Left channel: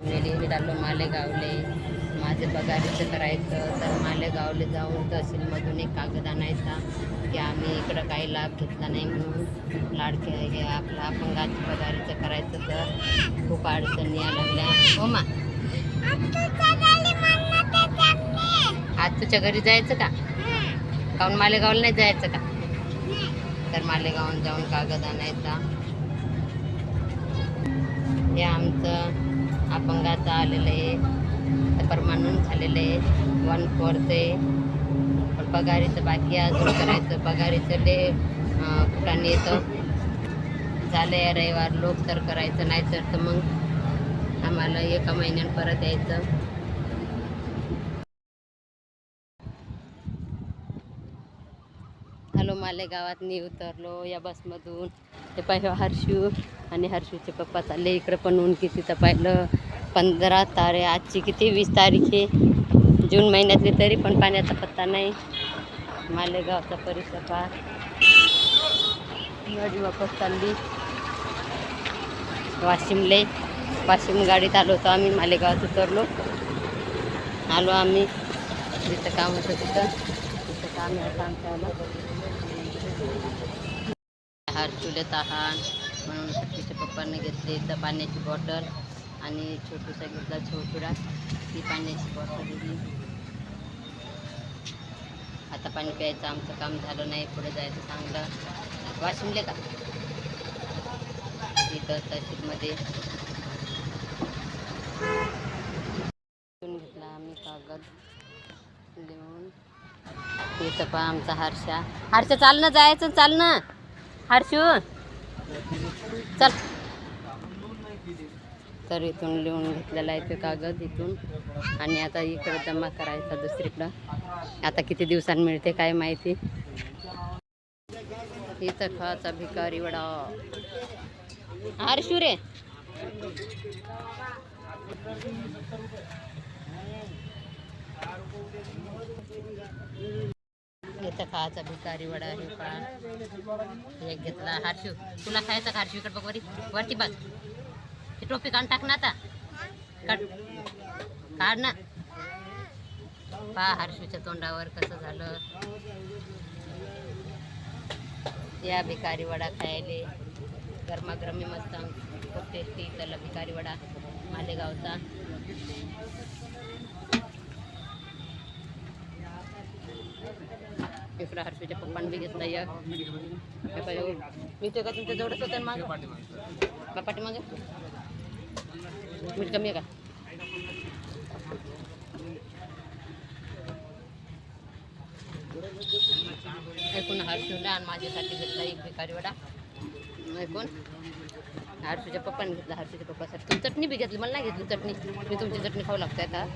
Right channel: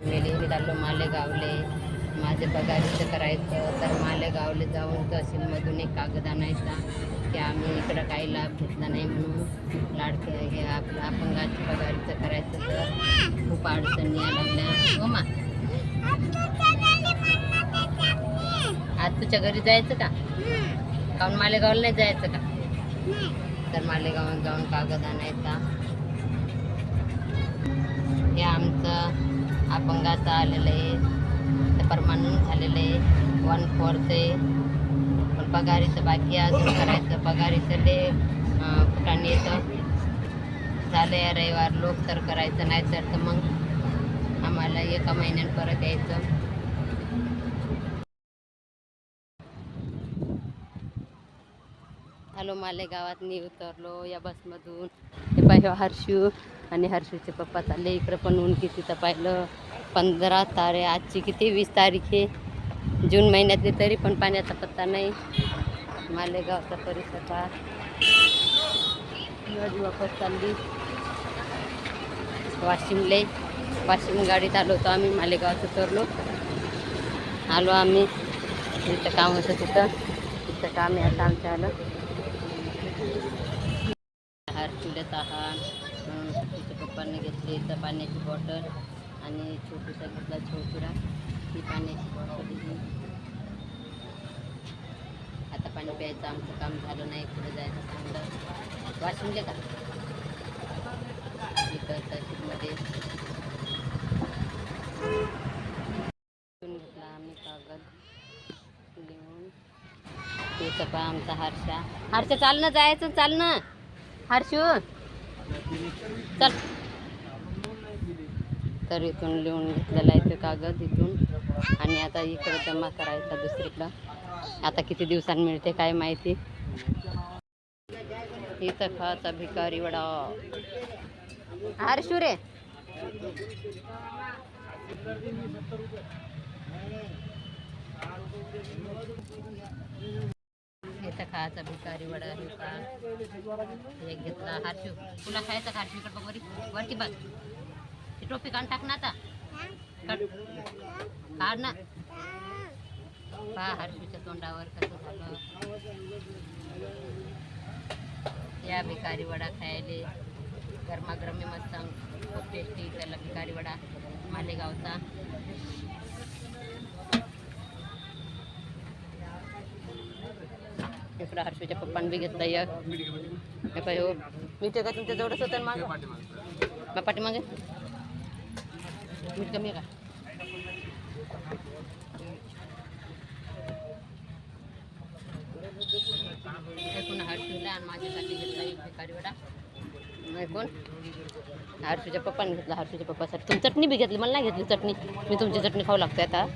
मी चाललो मालेगावले. माझे पगारीचं करायचं तर मालेगावले जाऊन तहसीलमधून एक कागद आणायचा की आम्ही इकडं काही लाभ घेतला नाही म्हणून. लाडके हे आपलं अपंगाची पगारीचं करायचं तर खूप अडचणी लागल्या. हो मा, आज तुझ्या घरी जायचं का? काहून मालेगावला नाही जायचं का? तर मालेगावून जाऊन कागद आणायचा. हे आमचं अपंगाचं आलेलं आहे, तर परमानंट झालेलं आहे 1/4 आहे. पण पगारीचं बाकी अजून करायचं. पगारीचं कुठाने येतं झालं या रविवार लोक तर करायचं, नाही तर मग आम्हाला एका महिन्यात परत यायचं. हॅलो, मालेगावात मी उतरलो या बसमधून. हे पाहिलं हर्षू आणि हर्षूचे पप्पा चालले इकडे. पण ऊन किती तर पाहिलं 15 तारीख, आजची किती 20 तारीख आहे जून महिन्यातली, तरी पण पाण्याचा पत्ता नाही. मालेगावचा परिसर वापस चालली वाशिमले. वाशिम गाडीत आलो होतो आम्ही. मालेगावात उतरलो, आलो आम्ही. जिथं काम होतं तिथं काम आहे. आता आमचं आलं हर्षूला तहान म्हणून हर्षूच्या पप्पांनी घेतले तर पाण्याची बॉटल आणि छोटूसा घेतला छोटूरा ती पाण्याची बॉटल दिली. आता पाणी प्यायचं आमचं काम झालं नाही, पुढे जायचं चांगलं. वाशिमले का इथं तहसीलमध्ये घेतला आम्ही कागद लिहून. इथं पण आमचा हर्षा चालणं जायचं, चालणं हर्षू चल. तर इथून लिहून घेतलेला आहे तो कागद इथून, आणि आता इकडे जमा करायचा दुसरीकडं. आता किती दिवसांनी मिळते काय माहिती. इथं खाचा भिकारी वडा. हर्षू रे, इथं खायचा भिकारी वडा आहे. एक घेतला. हर्षू तुला खायचं का? हर्षू इकडे बघ, वरती बघ. ती टोपी काढून टाक ना आता, काढ ना. पहा हर्षूच्या तोंडावर कसं झालं. या भिकारी वडा खायले गरमागरमी मस्त खूप टेस्टी. त्याला भिकारी वडा मालेगावचा. इकडं हर्षूच्या पप्पांनी बी घेतला. मी ते का तुमच्या जवळच होतं मग पाठीमागे मीठ कमी आहे का? ऐकून हर्षूला आणि माझ्यासाठी घेतला एक भिकारी वडा. ऐकून हर्षूच्या पप्पाने घेतला. हर्षूच्या पप्पासाठी तुम्ही चटणी बी घेतली, मला नाही घेतली चटणी. मी तुमची चटणी खाऊ लागते आता.